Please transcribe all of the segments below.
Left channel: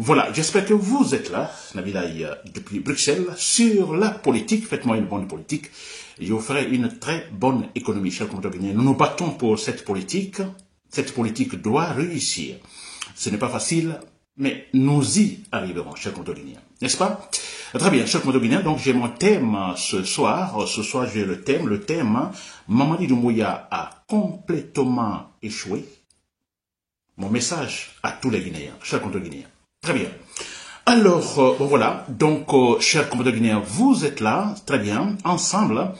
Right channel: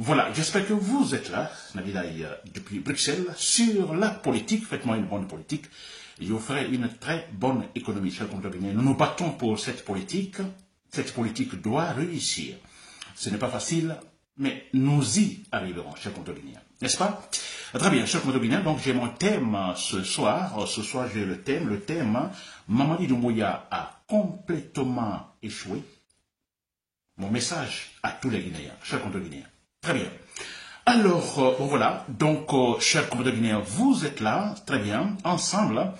Voilà, j'espère que vous êtes là, Nabilaï, depuis Bruxelles, sur la politique. Faites-moi une bonne politique. Je vous ferai une très bonne économie, chers compatriotes. Nous nous battons pour cette politique. Cette politique doit réussir. Ce n'est pas facile, mais nous y arriverons, chers compatriotes. N'est-ce pas? Très bien, chers compatriotes. Donc, j'ai mon thème ce soir. Ce soir, j'ai le thème, Mamadi Doumbouya a complètement échoué. Mon message à tous les Guinéens, chers compatriotes guinéens. Très bien. Alors, voilà. Donc, chers compatriotes guinéens, vous êtes là, très bien, ensemble.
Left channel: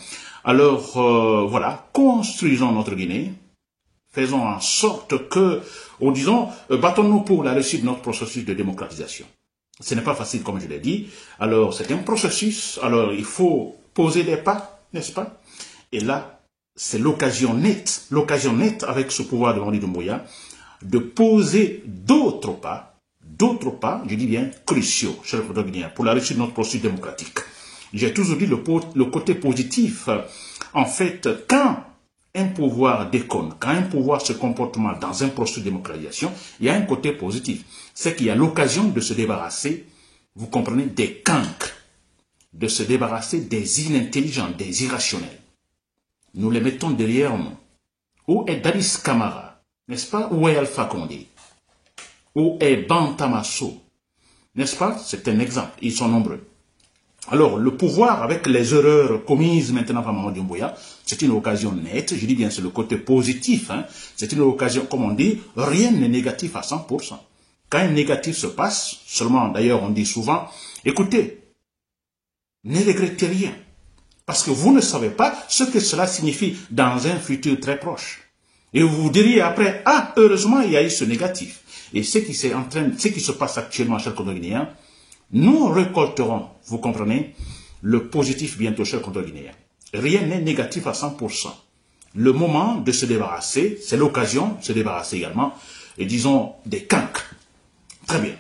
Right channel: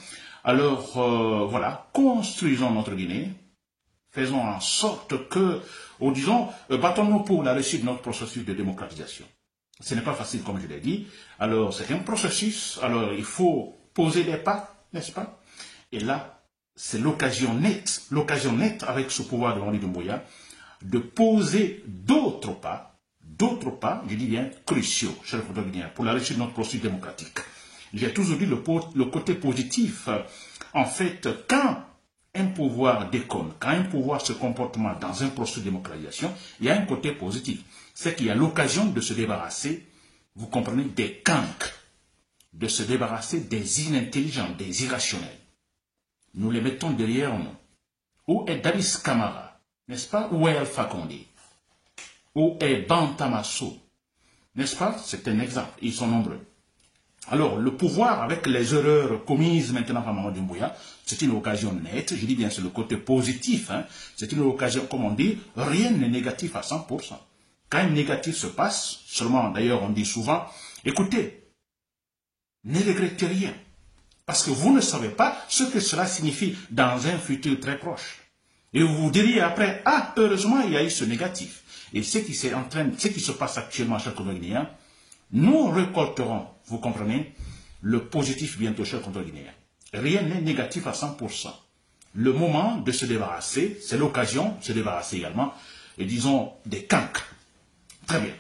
Alors, voilà, construisons notre Guinée. Faisons en sorte que, ou disons, battons-nous pour la réussite de notre processus de démocratisation. Ce n'est pas facile, comme je l'ai dit. Alors, c'est un processus. Alors, il faut poser des pas, n'est-ce pas? Et là, c'est l'occasion nette avec ce pouvoir de Mamadi Doumbouya, de poser d'autres pas, je dis bien cruciaux, chers compatriotes guinéens, pour la réussite de notre processus démocratique. J'ai toujours dit le côté positif. En fait, quand un pouvoir déconne, quand un pouvoir se comporte mal dans un processus de démocratisation, il y a un côté positif. C'est qu'il y a l'occasion de se débarrasser, vous comprenez, des cancres, de se débarrasser des inintelligents, des irrationnels. Nous les mettons derrière nous. Où est Dadis Camara, n'est-ce pas? Où est Alpha Condé? Où est Bantamasso? N'est-ce pas? C'est un exemple. Ils sont nombreux. Alors, le pouvoir, avec les erreurs commises maintenant par Mamadi Doumbouya, c'est une occasion nette. Je dis bien, c'est le côté positif. Hein. C'est une occasion, comme on dit, rien n'est négatif à 100%. Quand un négatif se passe, seulement, d'ailleurs, on dit souvent, écoutez, ne regrettez rien. Parce que vous ne savez pas ce que cela signifie dans un futur très proche. Et vous vous diriez après, ah, heureusement, il y a eu ce négatif. Et ce qui se passe actuellement, chers compatriotes guinéens, nous récolterons, vous comprenez, le positif bientôt, chers compatriotes guinéens. Rien n'est négatif à 100%. Le moment de se débarrasser, c'est l'occasion de se débarrasser également, et disons, des cancres. Très bien.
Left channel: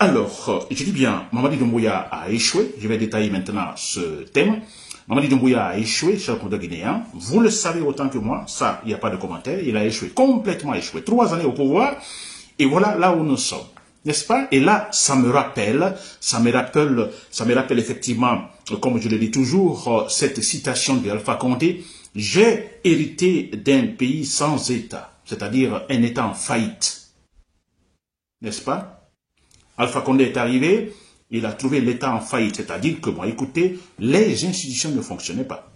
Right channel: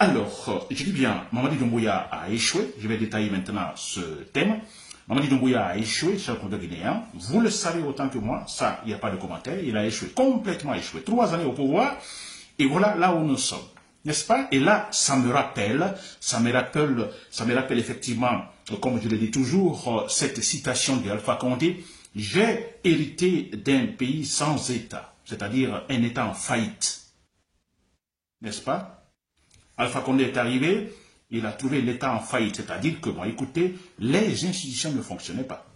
Alors, je dis bien, Mamadi Doumbouya a échoué. Je vais détailler maintenant ce thème. Mamadi Doumbouya a échoué, chers compatriotes guinéens. Vous le savez autant que moi, ça, il n'y a pas de commentaire. Il a échoué, complètement échoué. 3 années au pouvoir, et voilà là où nous sommes. N'est-ce pas? Et là, ça me rappelle effectivement, comme je le dis toujours, cette citation d'Alpha Condé, j'ai hérité d'un pays sans État, c'est-à-dire un État en faillite. N'est-ce pas? Alpha Condé est arrivé, il a trouvé l'État en faillite, c'est-à-dire que, bon, écoutez, les institutions ne fonctionnaient pas.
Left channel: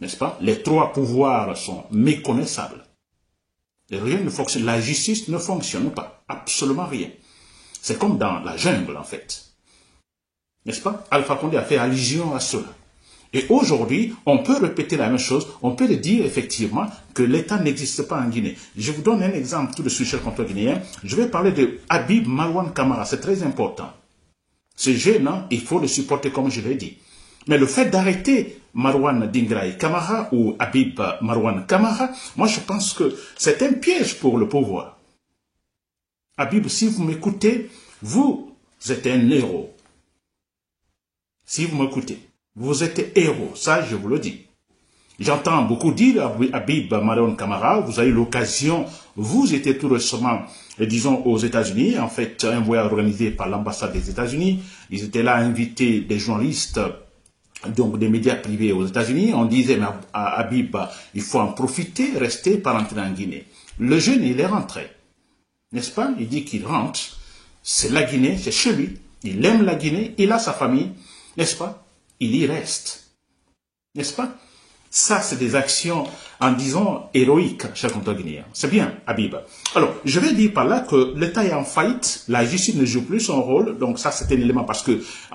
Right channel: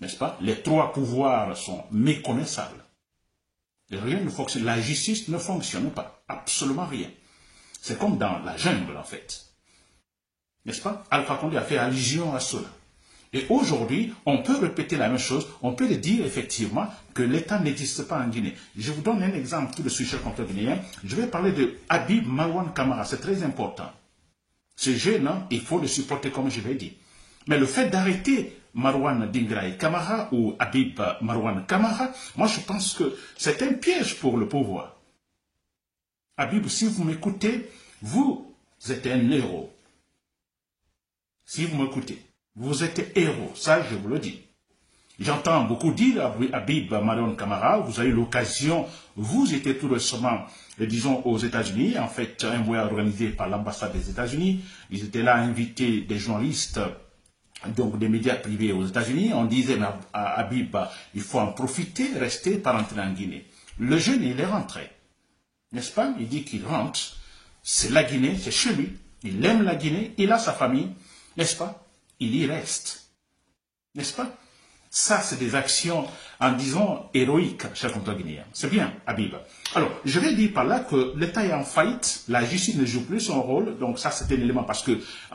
N'est-ce pas? Les 3 pouvoirs sont méconnaissables. Et rien ne fonctionne. La justice ne fonctionne pas. Absolument rien. C'est comme dans la jungle, en fait. N'est-ce pas? Alpha Condé a fait allusion à cela. Et aujourd'hui, on peut répéter la même chose. On peut le dire effectivement que l'État n'existe pas en Guinée. Je vous donne un exemple tout de suite, chers compatriotes guinéens. Je vais parler de Habib Marwan Camara. C'est très important. Ce jeune, il faut le supporter comme je l'ai dit. Mais le fait d'arrêter Marwan Dingraï Camara ou Habib Marwan Camara, moi je pense que c'est un piège pour le pouvoir. Habib, si vous m'écoutez, vous êtes un héros. Si vous m'écoutez, vous êtes héros, ça je vous le dis. J'entends beaucoup dire Habib Marwan Camara, vous avez eu l'occasion, vous étiez tout récemment, disons, aux États-Unis, en fait, un voyage organisé par l'ambassade des États-Unis. Ils étaient là à inviter des journalistes, donc des médias privés aux États-Unis. On disait à Habib, il faut en profiter, rester, pas rentrer en Guinée. Le jeune, il est rentré, n'est-ce pas? Il dit qu'il rentre, c'est la Guinée, c'est chez lui. Il aime la Guinée, il a sa famille, n'est-ce pas? Il y reste, n'est-ce pas? Ça, c'est des actions, en disant, héroïques, chers compatriotes guinéens. C'est bien, Habib. Alors, je vais dire par là que l'État est en faillite, la justice ne joue plus son rôle, donc ça, c'est un élément, parce que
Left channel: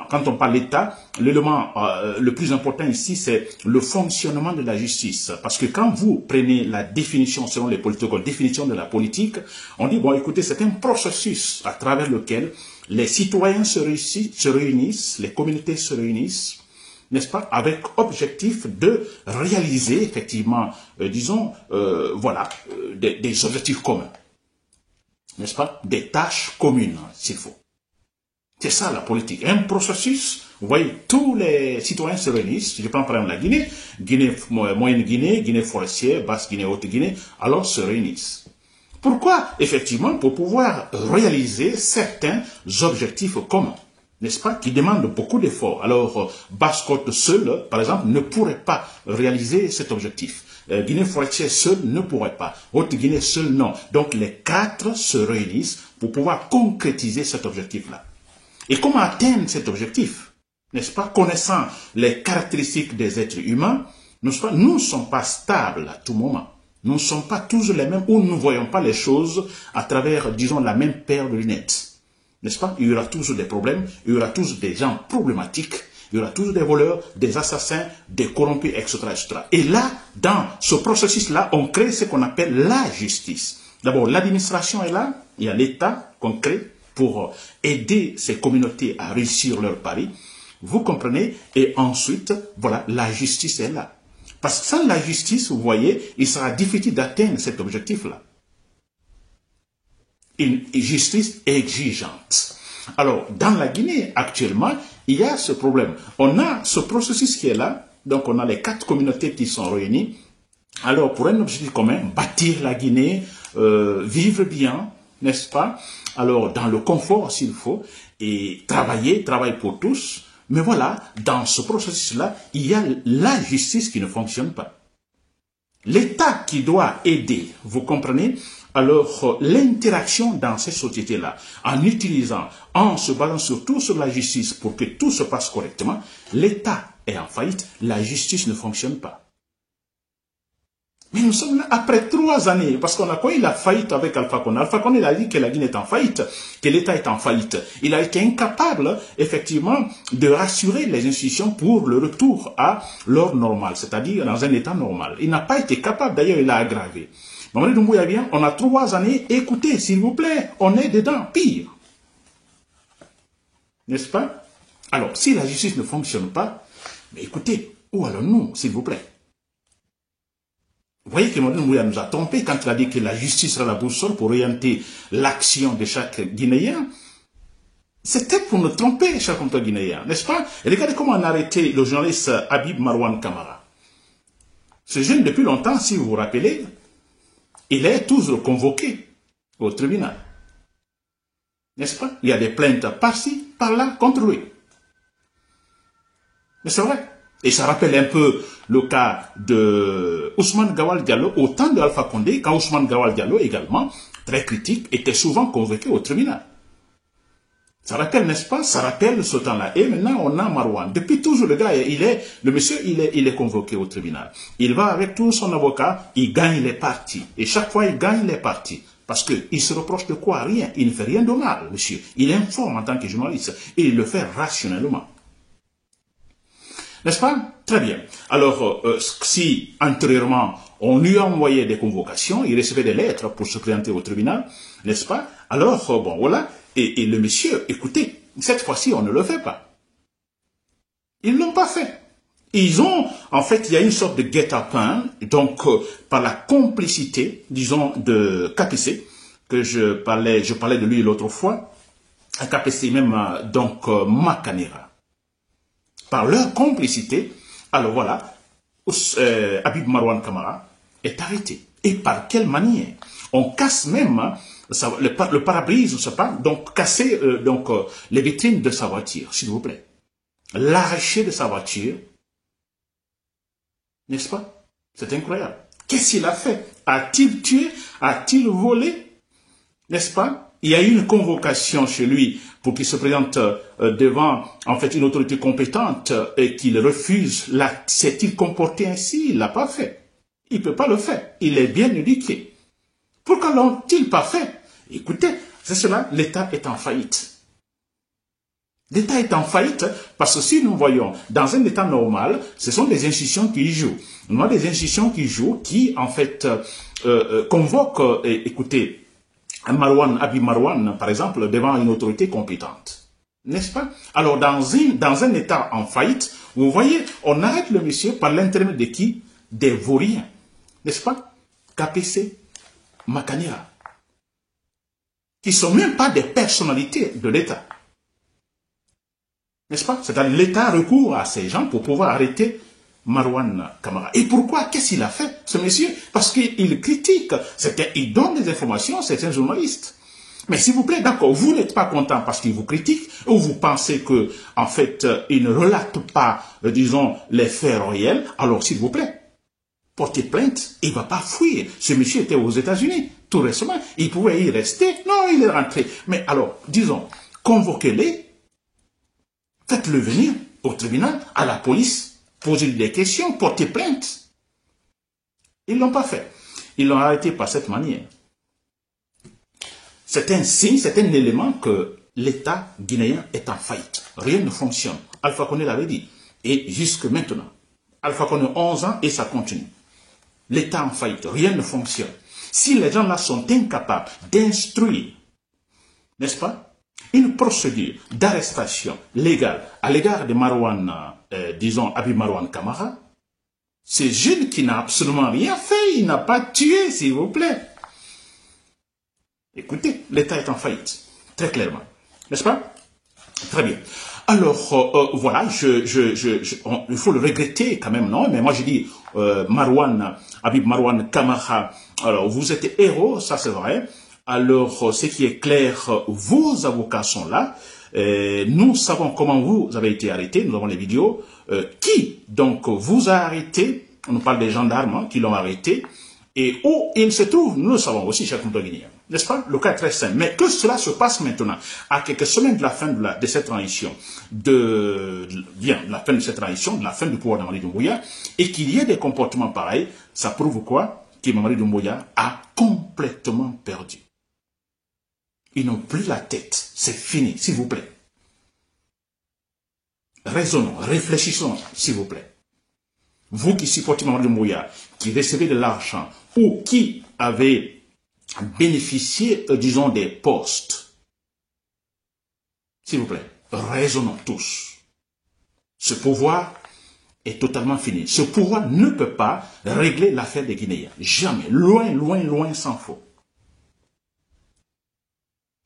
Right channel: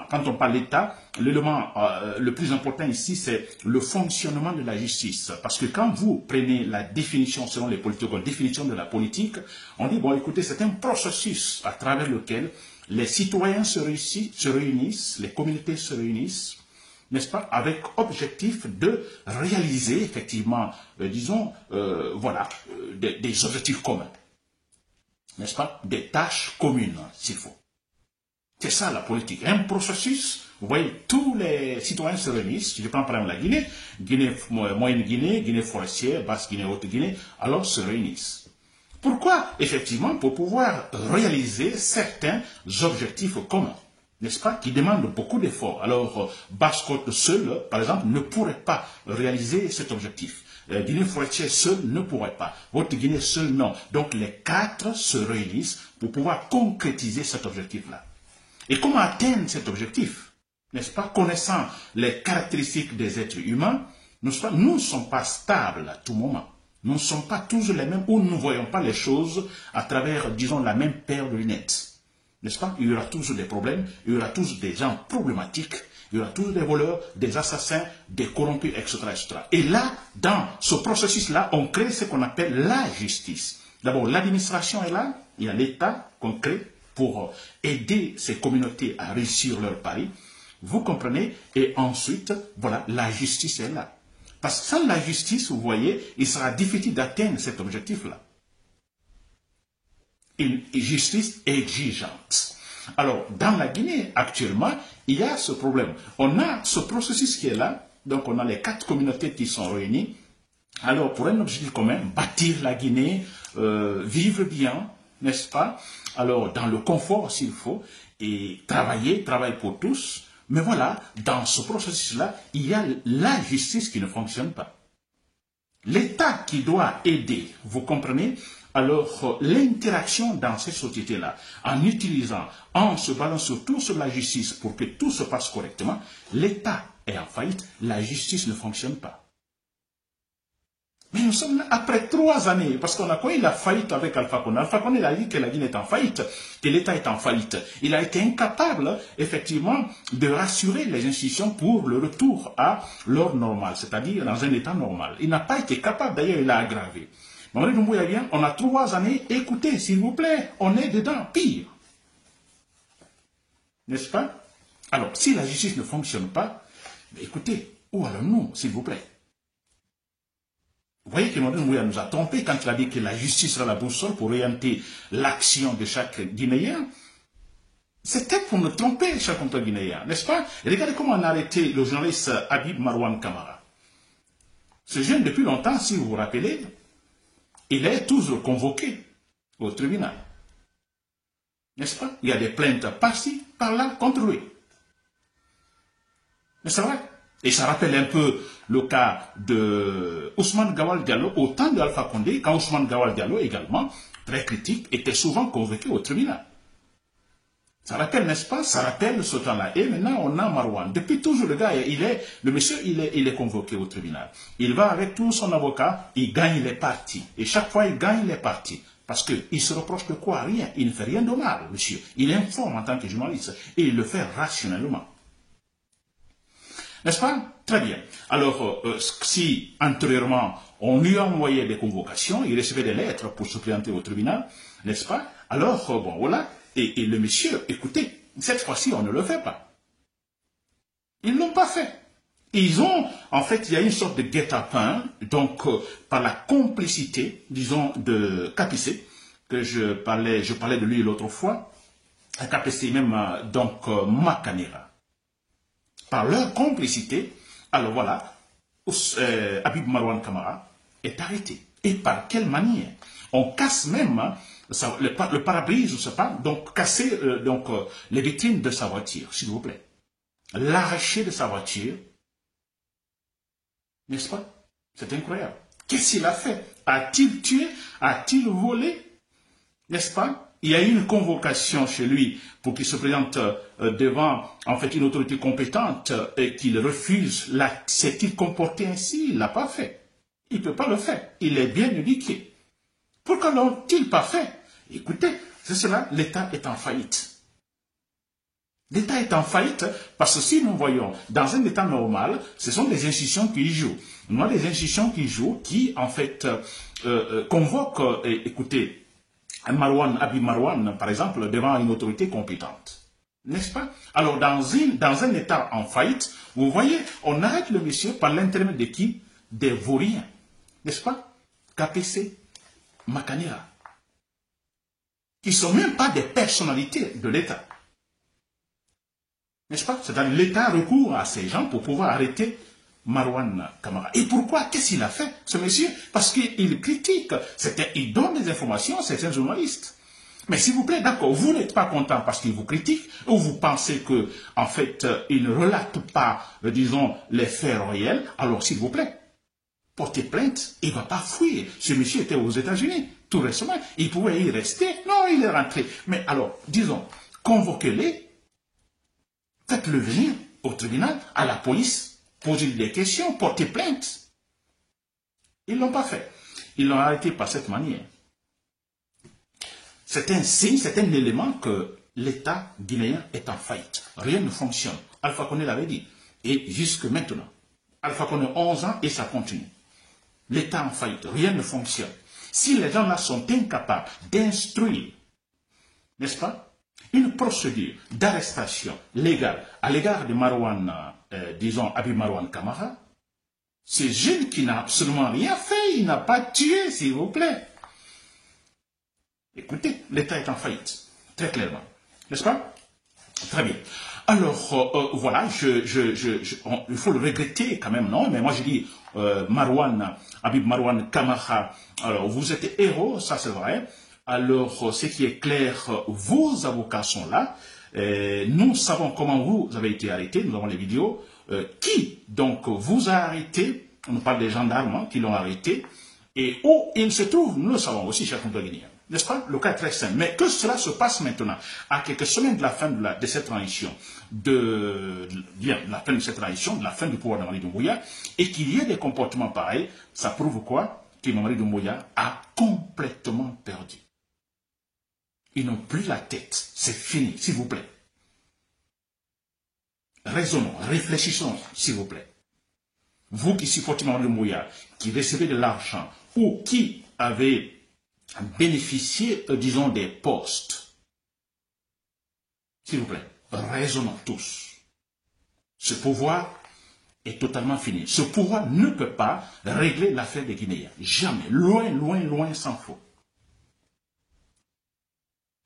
quand on parle d'État, l'élément le plus important ici, c'est le fonctionnement de la justice. Parce que quand vous prenez la définition, selon les politiques, définition de la politique, on dit, bon, écoutez, c'est un processus à travers lequel les citoyens se réunissent, les communautés se réunissent, n'est-ce pas, avec objectif de réaliser effectivement, disons, voilà, des objectifs communs, n'est-ce pas, des tâches communes, s'il faut. C'est ça la politique, un processus, vous voyez, tous les citoyens se réunissent, je prends par exemple la Guinée, Moyenne Guinée, Guinée forestière, Basse Guinée, Haute Guinée, alors se réunissent. Pourquoi? Effectivement, pour pouvoir réaliser certains objectifs communs, n'est-ce pas, qui demandent beaucoup d'efforts. Alors, Basse-Côte seule, par exemple, ne pourrait pas réaliser cet objectif. Guinée forestière seule ne pourrait pas. Haute-Guinée seule, non. Donc, les quatre se réunissent pour pouvoir concrétiser cet objectif-là. Et comment atteindre cet objectif? N'est-ce pas? Connaissant les caractéristiques des êtres humains, n'est-ce pas? Nous ne sommes pas stables à tout moment. Nous ne sommes pas toujours les mêmes, ou nous ne voyons pas les choses à travers, disons, la même paire de lunettes. N'est-ce pas? Il y aura toujours des problèmes, il y aura toujours des gens problématiques, il y aura toujours des voleurs, des assassins, des corrompus, etc., etc. Et là, dans ce processus-là, on crée ce qu'on appelle la justice. D'abord, l'administration est là, il y a l'État qu'on crée pour aider ces communautés à réussir leur pari. Vous comprenez? Et ensuite, voilà, la justice est là. Parce que sans la justice, vous voyez, il sera difficile d'atteindre cet objectif-là. Une justice exigeante. Alors, dans la Guinée, actuellement, il y a ce problème. On a ce processus qui est là, donc on a les quatre communautés qui sont réunies. Alors, pour un objectif commun, bâtir la Guinée, vivre bien, n'est-ce pas? Alors, dans le confort s'il faut, et travail pour tous. Mais voilà, dans ce processus-là, il y a la justice qui ne fonctionne pas. L'État qui doit aider, vous comprenez? Alors, l'interaction dans ces sociétés-là, en utilisant, en se basant surtout sur la justice pour que tout se passe correctement, l'État est en faillite, la justice ne fonctionne pas. Mais nous sommes là après 3 années, parce qu'on a connu la faillite avec Alpha Condé. Alpha Condé a dit que la Guinée est en faillite, que l'État est en faillite. Il a été incapable, effectivement, de rassurer les institutions pour le retour à l'ordre normal, c'est-à-dire dans un État normal. Il n'a pas été capable, d'ailleurs, il l'a aggravé. Mamadou Doumbouya vient, on a 3 années, écoutez, s'il vous plaît, on est dedans, pire. N'est-ce pas? Alors, si la justice ne fonctionne pas, mais écoutez, où allons-nous, s'il vous plaît? Vous voyez que Mamadou Doumbouya nous a trompés quand il a dit que la justice sera la boussole pour orienter l'action de chaque Guinéen. C'était pour nous tromper, chaque Guinéen, n'est-ce pas? Regardez comment on a arrêté le journaliste Habib Marwan Kamara. Ce jeune, depuis longtemps, si vous vous rappelez, il est toujours convoqué au tribunal. N'est-ce pas? Il y a des plaintes par-ci, par-là, contre lui. Mais c'est vrai. Et ça rappelle un peu le cas de Ousmane Gawal Diallo au temps de Alpha Condé, quand Ousmane Gawal Diallo également, très critique, était souvent convoqué au tribunal. Ça rappelle, n'est-ce pas? Ça rappelle ce temps-là. Et maintenant, on a Marwan. Depuis toujours, le gars, le monsieur, il est convoqué au tribunal. Il va avec tout son avocat, il gagne les parties. Et chaque fois, il gagne les parties. Parce qu'il se reproche de quoi? Rien. Il ne fait rien de mal, monsieur. Il informe en tant que journaliste. Et il le fait rationnellement. N'est-ce pas? Très bien. Alors, si antérieurement, on lui a envoyé des convocations, il recevait des lettres pour se présenter au tribunal, n'est-ce pas? Alors, bon, voilà. Et le monsieur, écoutez, cette fois-ci, on ne le fait pas. Ils ne l'ont pas fait. Ils ont, en fait, il y a une sorte de guet-apens, donc, par la complicité, disons, de KPC, que je parlais de lui l'autre fois, à KPC même, donc, Makanera. Par leur complicité, alors voilà, Habib Marwan Kamara est arrêté. Et par quelle manière? On casse même le pare-brise, je ne sais pas, donc casser les vitrines de sa voiture, s'il vous plaît. L'arracher de sa voiture, n'est-ce pas? C'est incroyable. Qu'est-ce qu'il a fait? A-t-il tué? A-t-il volé? N'est-ce pas? Il y a eu une convocation chez lui pour qu'il se présente devant en fait une autorité compétente et qu'il refuse. S'est-il comporté ainsi? Il ne l'a pas fait. Il ne peut pas le faire. Il est bien éduqué. Pourquoi l'ont-ils pas fait? Écoutez, c'est cela, l'État est en faillite. L'État est en faillite parce que si nous voyons dans un État normal, ce sont des institutions qui y jouent. Nous avons des institutions qui jouent, qui en fait convoquent, écoutez, Habib Marwan, par exemple, devant une autorité compétente. N'est-ce pas? Alors, dans un État en faillite, vous voyez, on arrête le monsieur par l'intermédiaire de qui? Des vauriens. N'est-ce pas? KPC, Makanera. Qui ne sont même pas des personnalités de l'État. N'est-ce pas? C'est-à-dire l'État recourt à ces gens pour pouvoir arrêter Marouane Camara. Et pourquoi? Qu'est-ce qu'il a fait, ce monsieur? Parce qu'il critique, il donne des informations, c'est un journaliste. Mais s'il vous plaît, d'accord, vous n'êtes pas content parce qu'il vous critique, ou vous pensez que, en fait, il ne relate pas, disons, les faits réels, alors s'il vous plaît, portez plainte, il ne va pas fuir. Ce monsieur était aux États-Unis, tout récemment, il pouvait y rester, non, il est rentré. Mais alors, disons, convoquez-les, faites-le venir au tribunal, à la police, posez des questions, portez plainte. Ils ne l'ont pas fait. Ils l'ont arrêté par cette manière. C'est un signe, c'est un élément que l'État guinéen est en faillite. Rien ne fonctionne. Alpha Condé l'avait dit. Et jusque maintenant. Alpha Condé 11 ans et ça continue. L'État en faillite. Rien ne fonctionne. Si les gens-là sont incapables d'instruire, n'est-ce pas, une procédure d'arrestation légale à l'égard de Marouane, disons, Habib Marouane Camara, c'est jeune qui n'a absolument rien fait. Il n'a pas tué, s'il vous plaît. Écoutez, l'État est en faillite, très clairement, n'est-ce pas? Très bien. Alors, voilà, il faut le regretter quand même, non? Mais moi, je dis, Habib Marouane Camara, alors, vous êtes héros, ça c'est vrai. Alors, ce qui est clair, vos avocats sont là. Nous savons comment vous avez été arrêté, nous avons les vidéos. Qui, donc, vous a arrêté? On nous parle des gendarmes hein, qui l'ont arrêté. Et où il se trouve, nous le savons aussi, chers compatriotes guinéens. N'est-ce pas? Le cas est très simple. Mais que cela se passe maintenant, à quelques semaines de la fin de cette transition, de la fin de cette transition, de la fin du pouvoir de Mamadi Doumbouya, et qu'il y ait des comportements pareils, ça prouve quoi? Que Mamadi Doumbouya a complètement perdu. Ils n'ont plus la tête. C'est fini, s'il vous plaît. Raisonnons, réfléchissons, s'il vous plaît. Vous qui supportez Mamadi Doumbouya, qui recevez de l'argent, ou qui avez bénéficié, disons, des postes. S'il vous plaît, raisonnons tous. Ce pouvoir est totalement fini. Ce pouvoir ne peut pas régler l'affaire des Guinéens. Jamais. Loin, loin, loin s'en faut.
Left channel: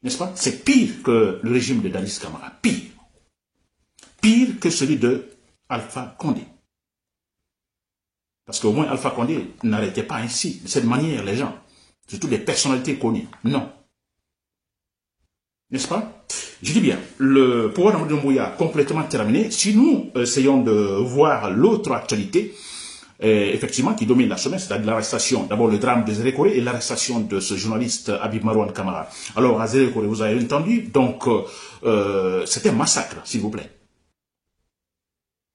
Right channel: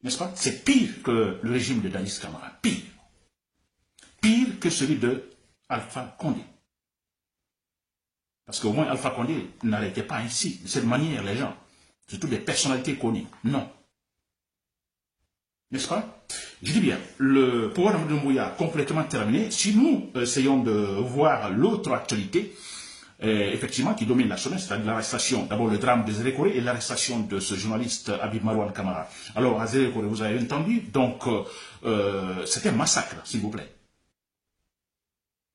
N'est-ce pas? C'est pire que le régime de Dadis Camara. Pire. Pire que celui de Alpha Condé. Parce qu'au moins Alpha Condé n'arrêtait pas ainsi, de cette manière, les gens. Surtout des personnalités connues. Non. N'est-ce pas? Je dis bien, le pouvoir de Mamadi Doumbouya complètement terminé. Si nous essayons de voir l'autre actualité, effectivement, qui domine la semaine, c'est-à-dire l'arrestation, d'abord le drame de Zéré Koré et l'arrestation de ce journaliste Habib Marouane Camara. Alors, à Zéré Koré, vous avez entendu, donc, c'est un massacre, s'il vous plaît.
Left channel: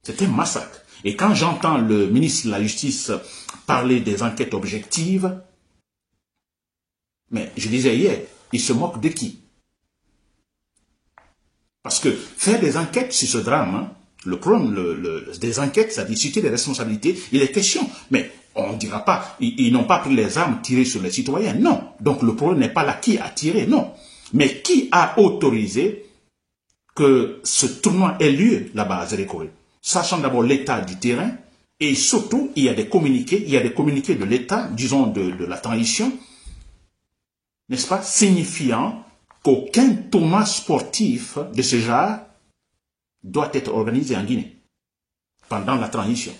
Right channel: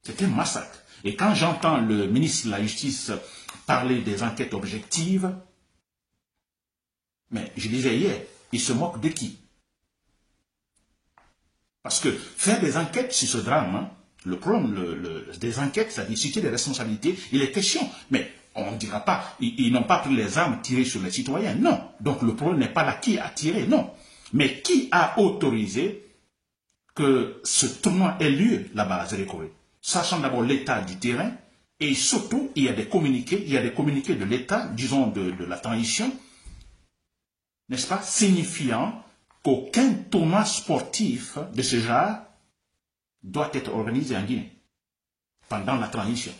C'est un massacre. Et quand j'entends le ministre de la Justice parler des enquêtes objectives, mais je disais hier, il se moque de qui? Parce que faire des enquêtes sur ce drame, hein, le problème des enquêtes, c'est à discuter des responsabilités, il est question. Mais on ne dira pas, ils n'ont pas pris les armes tirées sur les citoyens. Non. Donc le problème n'est pas là qui a tiré, non. Mais qui a autorisé que ce tournoi ait lieu là-bas à Zéré Koré? Sachant d'abord l'état du terrain, et surtout, il y a des communiqués de l'état, disons de la transition, n'est-ce pas, signifiant qu'aucun tournoi sportif de ce genre doit être organisé en Guinée pendant la transition.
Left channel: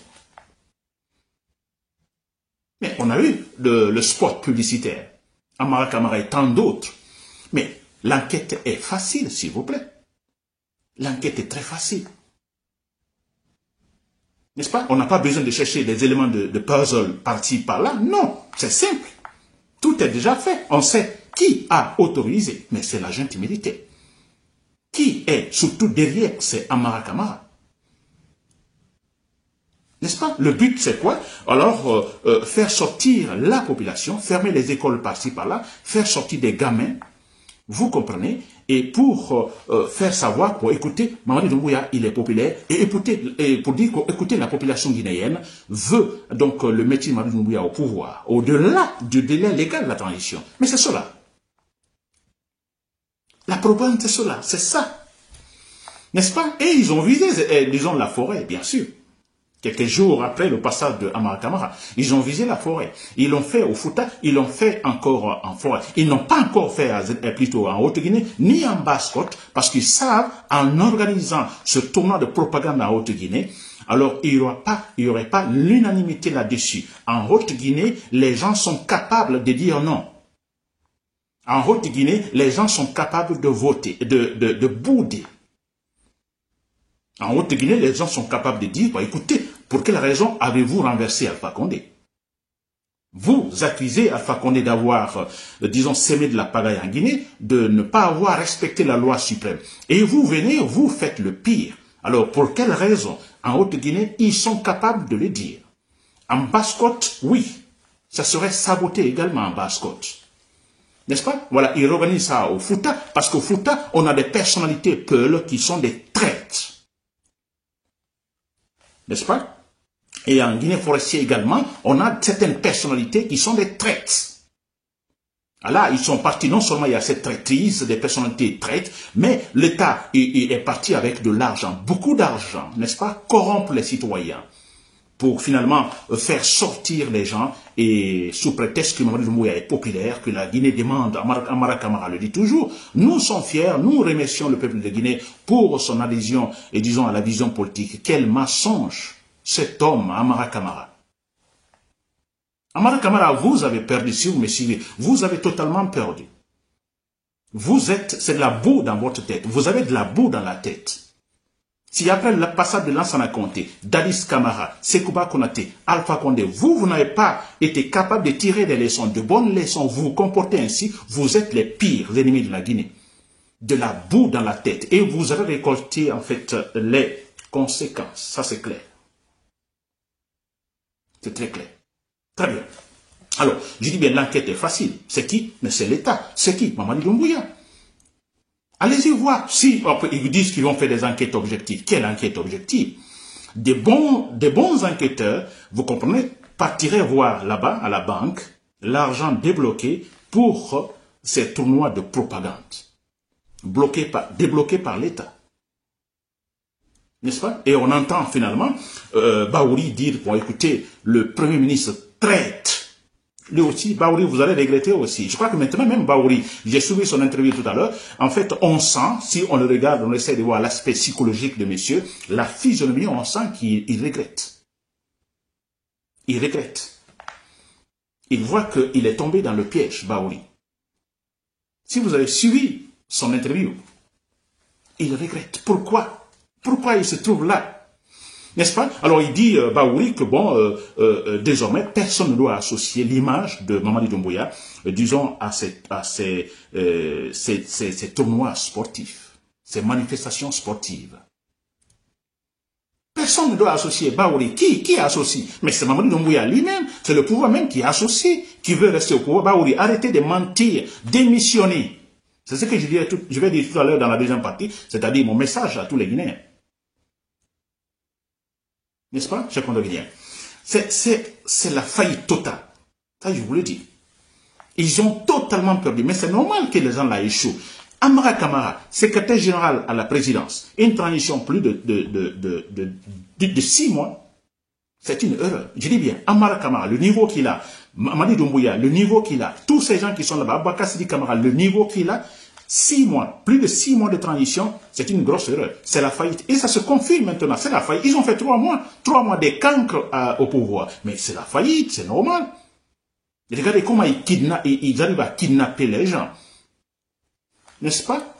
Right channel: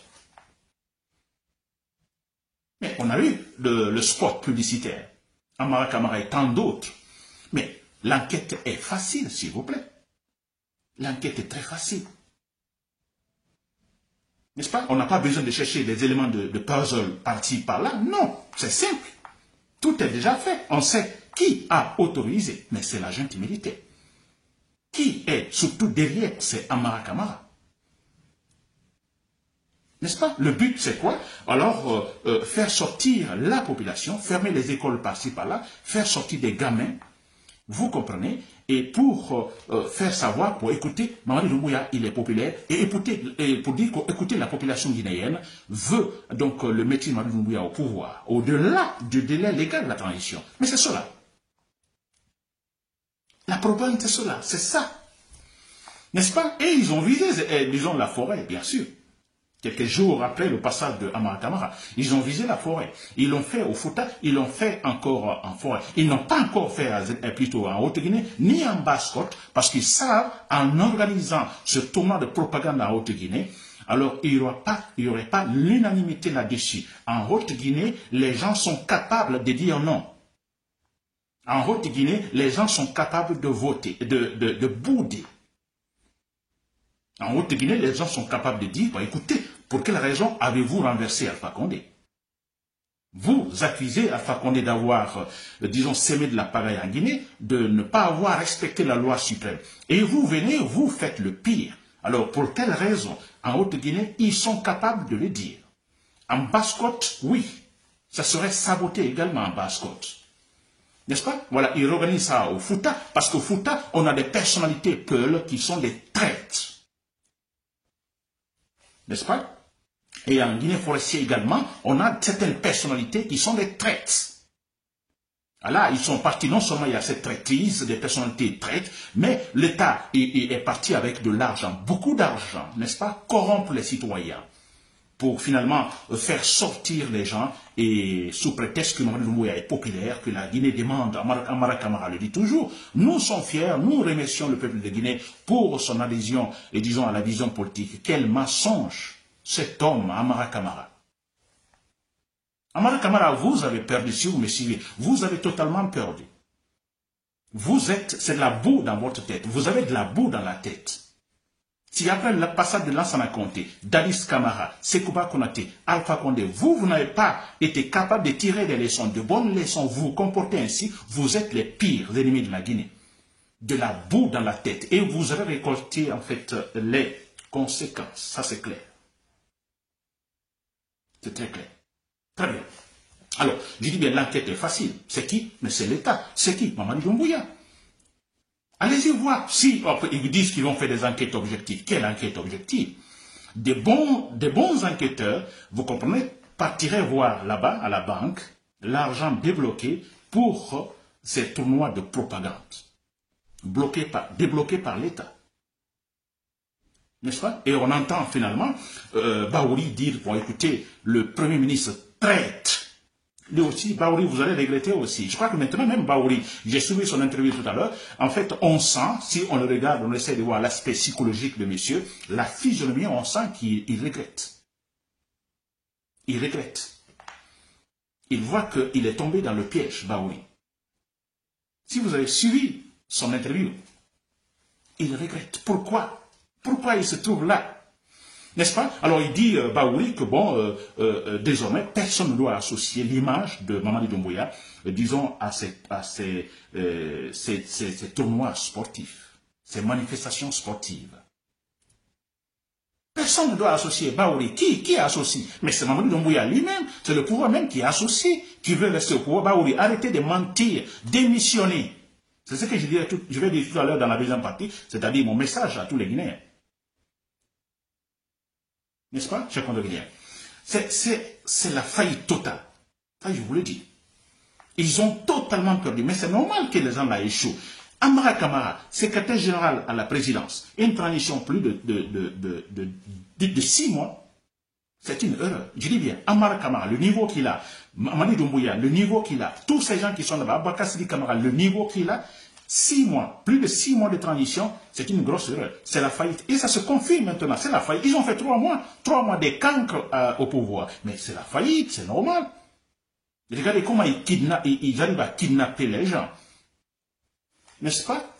Mais on a eu le sport publicitaire, Amara Camara et tant d'autres. Mais l'enquête est facile, s'il vous plaît. L'enquête est très facile. N'est-ce pas? On n'a pas besoin de chercher des éléments de puzzle par-ci, par-là. Non, c'est simple. Tout est déjà fait. On sait qui a autorisé, mais c'est la junte militaire. Qui est surtout derrière, c'est Amara Camara. N'est-ce pas? Le but, c'est quoi? Alors, faire sortir la population, fermer les écoles par-ci, par-là, faire sortir des gamins, vous comprenez? Et pour faire savoir, pour écouter, Mamadi Doumbouya, il est populaire, et pour dire qu'écouter la population guinéenne veut donc le mettre Mamadi Doumbouya au pouvoir, au-delà du délai légal de la transition. Mais c'est cela. La propagande, c'est cela, c'est ça. N'est-ce pas? Et ils ont visé, disons, la forêt, bien sûr. Quelques jours après le passage de Amara Camara, ils ont visé la forêt. Ils l'ont fait au Fouta, ils l'ont fait encore en forêt. Ils n'ont pas encore fait plutôt en Haute-Guinée, ni en Basse-Côte, parce qu'ils savent, en organisant ce tournoi de propagande en Haute-Guinée, alors il n'y aurait pas l'unanimité là-dessus. En Haute-Guinée, les gens sont capables de dire non. En Haute-Guinée, les gens sont capables de voter, de bouder. En Haute-Guinée, les gens sont capables de dire, bah, écoutez, pour quelle raison avez-vous renversé Alpha Condé? Vous accusez Alpha Condé d'avoir, disons, sémé de la pagaille en Guinée, de ne pas avoir respecté la loi suprême. Et vous venez, vous faites le pire. Alors, pour quelle raison? En Haute-Guinée, ils sont capables de le dire. En Basse-Côte, oui, ça serait saboté également en Basse-Côte. N'est-ce pas? Voilà, ils organisent ça au Fouta, parce qu'au Fouta, on a des personnalités peules qui sont des traîtres. N'est-ce pas? Et en Guinée forestière également, on a certaines personnalités qui sont des traîtres. Alors, ils sont partis, non seulement il y a cette traîtrise, des personnalités traîtres, mais l'État est parti avec de l'argent, beaucoup d'argent, n'est-ce pas? Corrompre les citoyens, pour finalement faire sortir les gens, et sous prétexte que Mamadi Doumbouya est populaire, que la Guinée demande, Amara Camara le dit toujours, nous sommes fiers, nous remercions le peuple de Guinée pour son adhésion, et disons à la vision politique. Quel mensonge, cet homme, Amara Camara. Amara Camara, vous avez perdu, si vous me suivez, vous avez totalement perdu. Vous êtes, c'est de la boue dans votre tête, vous avez de la boue dans la tête. Si après le passage de Lansana Conté, Dadis Camara, Sekouba Konaté, Alpha Condé, vous n'avez pas été capable de tirer des leçons, de bonnes leçons, vous vous comportez ainsi, vous êtes les pires ennemis de la Guinée. De la boue dans la tête. Et vous avez récolté en fait les conséquences. Ça c'est clair. C'est très clair. Très bien. Alors, je dis bien l'enquête est facile. C'est qui? Mais c'est l'État. C'est qui? Mamadi Doumbouya. Allez-y voir. Si ils vous disent qu'ils vont faire des enquêtes objectives. Quelle enquête objective? Des bons enquêteurs, vous comprenez, partiraient voir là-bas, à la banque, l'argent débloqué pour ces tournois de propagande. Débloqués par l'État. N'est-ce pas? Et on entend finalement Baouri dire, bon écoutez, le Premier ministre traite. Lui aussi, Baouri, vous allez regretter aussi. Je crois que maintenant, même Baouri, j'ai suivi son interview tout à l'heure, en fait, on sent, si on le regarde, on essaie de voir l'aspect psychologique de monsieur, la physionomie, on sent qu'il regrette. Il regrette. Il voit qu'il est tombé dans le piège, Baouri. Si vous avez suivi son interview, il regrette. Pourquoi? Pourquoi il se trouve là? N'est-ce pas? Alors il dit, Baouri, que bon, désormais, personne ne doit associer l'image de Mamadi Doumbouya, disons, à ces tournois sportifs, ces manifestations sportives. Personne ne doit associer Baouri. Qui associe? Mais c'est Mamadi Doumbouya lui-même, c'est le pouvoir même qui associe, qui veut rester au pouvoir. Baouri, arrêtez de mentir, démissionnez. C'est ce que je vais dire tout à l'heure dans la deuxième partie, c'est-à-dire mon message à tous les Guinéens. N'est-ce pas, chers condoléances? C'est la faillite totale. Ça, je vous le dis. Ils ont totalement perdu. Mais c'est normal que les gens là échouent. Amara Camara, secrétaire général à la présidence, une transition plus de 6 mois, c'est une erreur. Je dis bien, Amara Camara, le niveau qu'il a, Mamadi Doumbouya, le niveau qu'il a, tous ces gens qui sont là-bas, Aboubacar Sidi Camara, le niveau qu'il a, 6 mois, plus de 6 mois de transition, c'est une grosse erreur. C'est la faillite. Et ça se confirme maintenant, c'est la faillite. Ils ont fait 3 mois des cancres au pouvoir. Mais c'est la faillite, c'est normal. Regardez comment ils arrivent à kidnapper les gens. N'est-ce pas?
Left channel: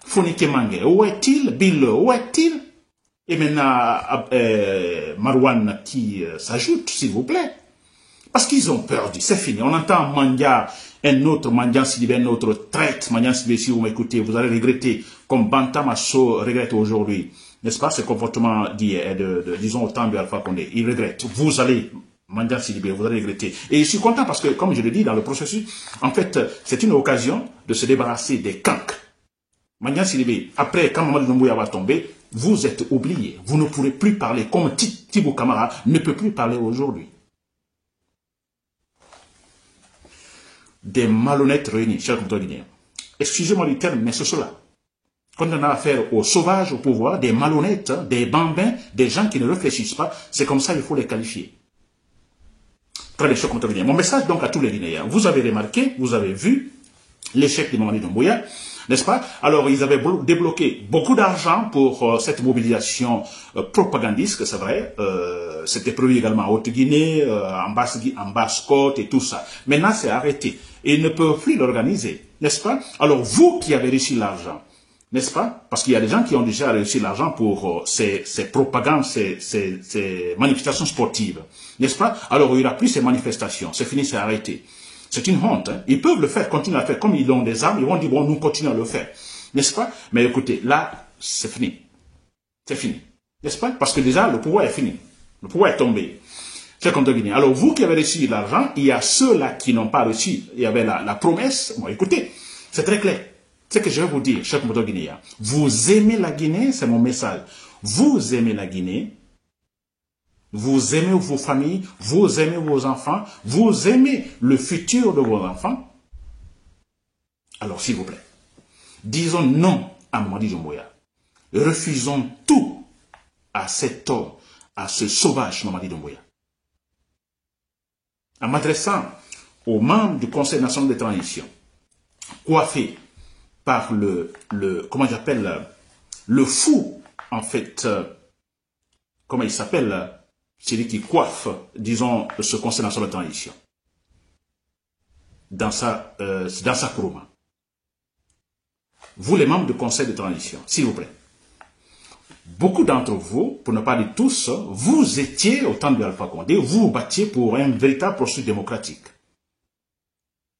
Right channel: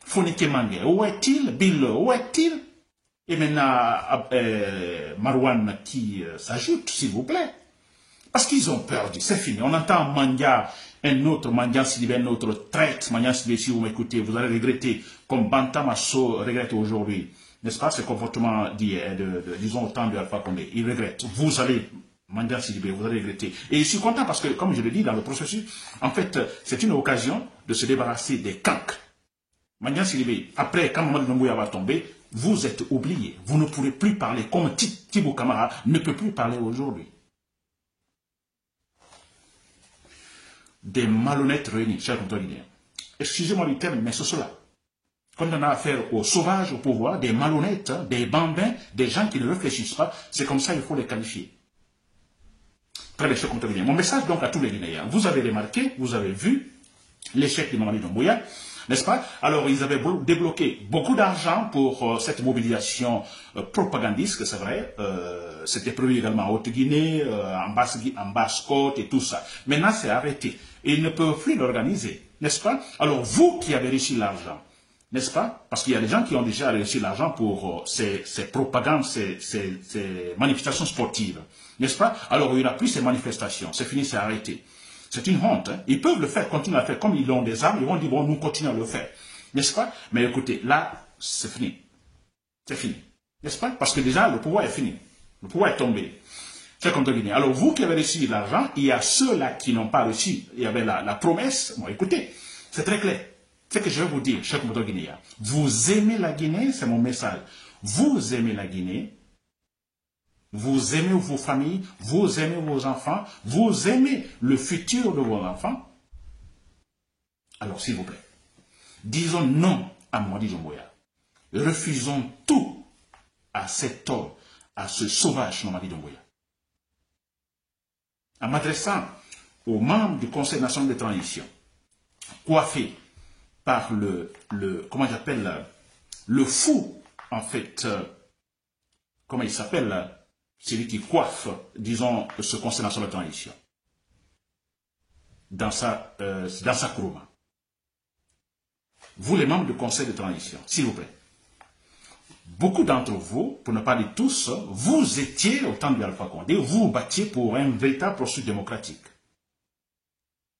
Fonike Mange, où est-il? Bill, où est-il? Et maintenant, Marwan qui s'ajoute, s'il vous plaît. Parce qu'ils ont perdu, c'est fini. On entend Mandia, un autre Mandia Sidibé, un autre traite, Mandia Sidibé, si vous m'écoutez, vous allez regretter, comme Bantamasso regrette aujourd'hui, n'est-ce pas, ce comportement, disons, au temps de Alpha Condé. Il regrette. Vous allez, Mandia Sidibé, vous allez regretter. Et je suis content parce que, comme je le dis dans le processus, en fait, c'est une occasion de se débarrasser des cancres. Mandia Sidibé, après, quand Mamadi Doumbouya va tomber, vous êtes oublié. Vous ne pourrez plus parler comme Tibou Camara ne peut plus parler aujourd'hui. Des malhonnêtes réunis, chers compatriotes. Excusez-moi du terme, mais c'est cela. Quand on a affaire aux sauvages au pouvoir, des malhonnêtes, des bambins, des gens qui ne réfléchissent pas, c'est comme ça qu'il faut les qualifier. Très bien, chers compatriotes. Mon message donc à tous les Guinéens. Vous avez remarqué, vous avez vu l'échec de Mamadi Doumbouya. n'est-ce pas? Alors, ils avaient débloqué beaucoup d'argent pour cette mobilisation propagandiste, c'est vrai. C'était prévu également en Haute-Guinée, en Basse-Côte et tout ça. Maintenant, c'est arrêté. Et ils ne peuvent plus l'organiser, n'est-ce pas? Alors, vous qui avez reçu l'argent, n'est-ce pas? Parce qu'il y a des gens qui ont déjà reçu l'argent pour ces propagandes, ces manifestations sportives, n'est-ce pas? Alors, il n'y aura plus ces manifestations. C'est fini, c'est arrêté. C'est une honte. Hein? Ils peuvent le faire, continuer à le faire. Comme ils ont des armes, ils vont dire, bon, nous continuons à le faire. N'est-ce pas? Mais écoutez, là, c'est fini. C'est fini. N'est-ce pas? Parce que déjà, le pouvoir est fini. Le pouvoir est tombé. Alors, vous qui avez reçu l'argent, il y a ceux-là qui n'ont pas reçu. Il y avait la promesse. Bon, écoutez, c'est très clair. Ce que je vais vous dire, chers compatriotes guinéens, vous aimez la Guinée, c'est mon message. Vous aimez la Guinée. Vous aimez vos familles, vous aimez vos enfants, vous aimez le futur de vos enfants. Alors, s'il vous plaît, disons non à Mamadi Doumbouya. Refusons tout à cet homme, à ce sauvage Mamadi Doumbouya. En m'adressant aux membres du Conseil national de transition, coiffés par comment j'appelle, le fou, en fait, comment il s'appelle, celui qui coiffe, disons, ce Conseil national de transition, dans sa courroie. Vous, les membres du Conseil de transition, s'il vous plaît, beaucoup d'entre vous, pour ne pas dire tous, vous étiez, au temps de Alpha Condé, vous vous battiez pour un véritable processus démocratique.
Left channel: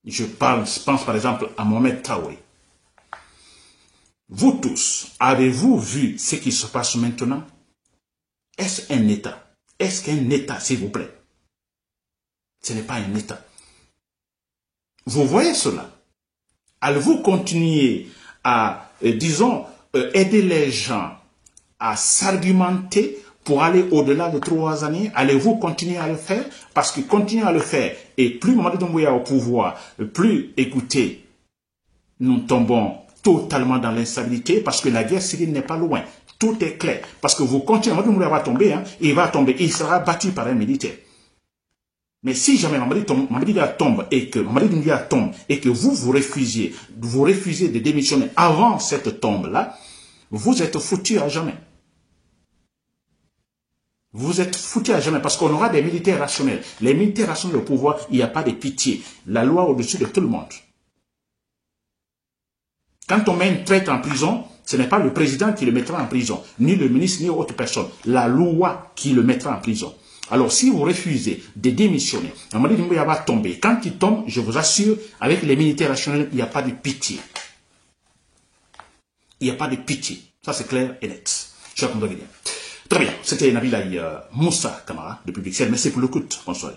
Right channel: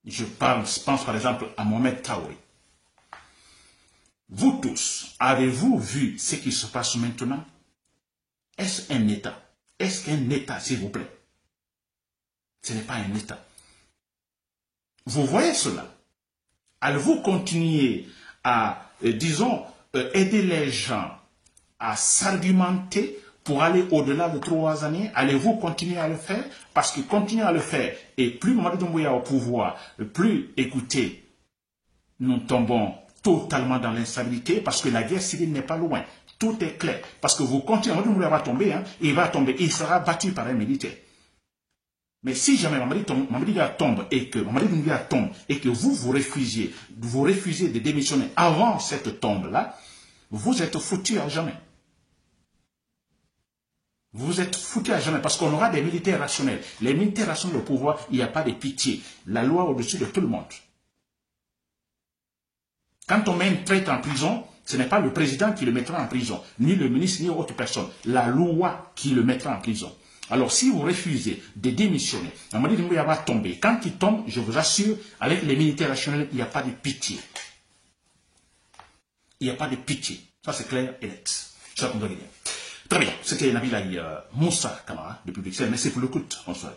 Je pense par exemple à Mohamed Traoré. Vous tous, avez-vous vu ce qui se passe maintenant? Est-ce un État? Est-ce qu'un État, s'il vous plaît? Ce n'est pas un État. Vous voyez cela? Allez-vous continuer à, disons, aider les gens à s'argumenter pour aller au-delà de 3 années? Allez-vous continuer à le faire? Parce que continuer à le faire, et plus Mamadi Doumbouya au pouvoir, plus, écoutez, nous tombons totalement dans l'instabilité parce que la guerre civile n'est pas loin. Tout est clair. Parce que vous continuez, Mamadi Doumbouya va tomber, hein, il va tomber, il sera battu par un militaire. Mais si jamais Mamadi Doumbouya tombe et que vous refusiez de démissionner avant cette tombe-là, vous êtes foutu à jamais. Vous êtes foutu à jamais parce qu'on aura des militaires rationnels. Les militaires rationnels au pouvoir, il n'y a pas de pitié. La loi au-dessus de tout le monde. Quand on met un traître en prison, ce n'est pas le président qui le mettra en prison, ni le ministre, ni autre personne. La loi qui le mettra en prison. Alors, si vous refusez de démissionner, Mamadi Doumbouya va tomber. Quand il tombe, je vous assure, avec les militaires rationnels, il n'y a pas de pitié. Il n'y a pas de pitié. Ça, c'est clair et net. Je vais Très bien. C'était Nabila Moussa Kamara, depuis Bruxelles. Merci pour l'écoute. Bonsoir.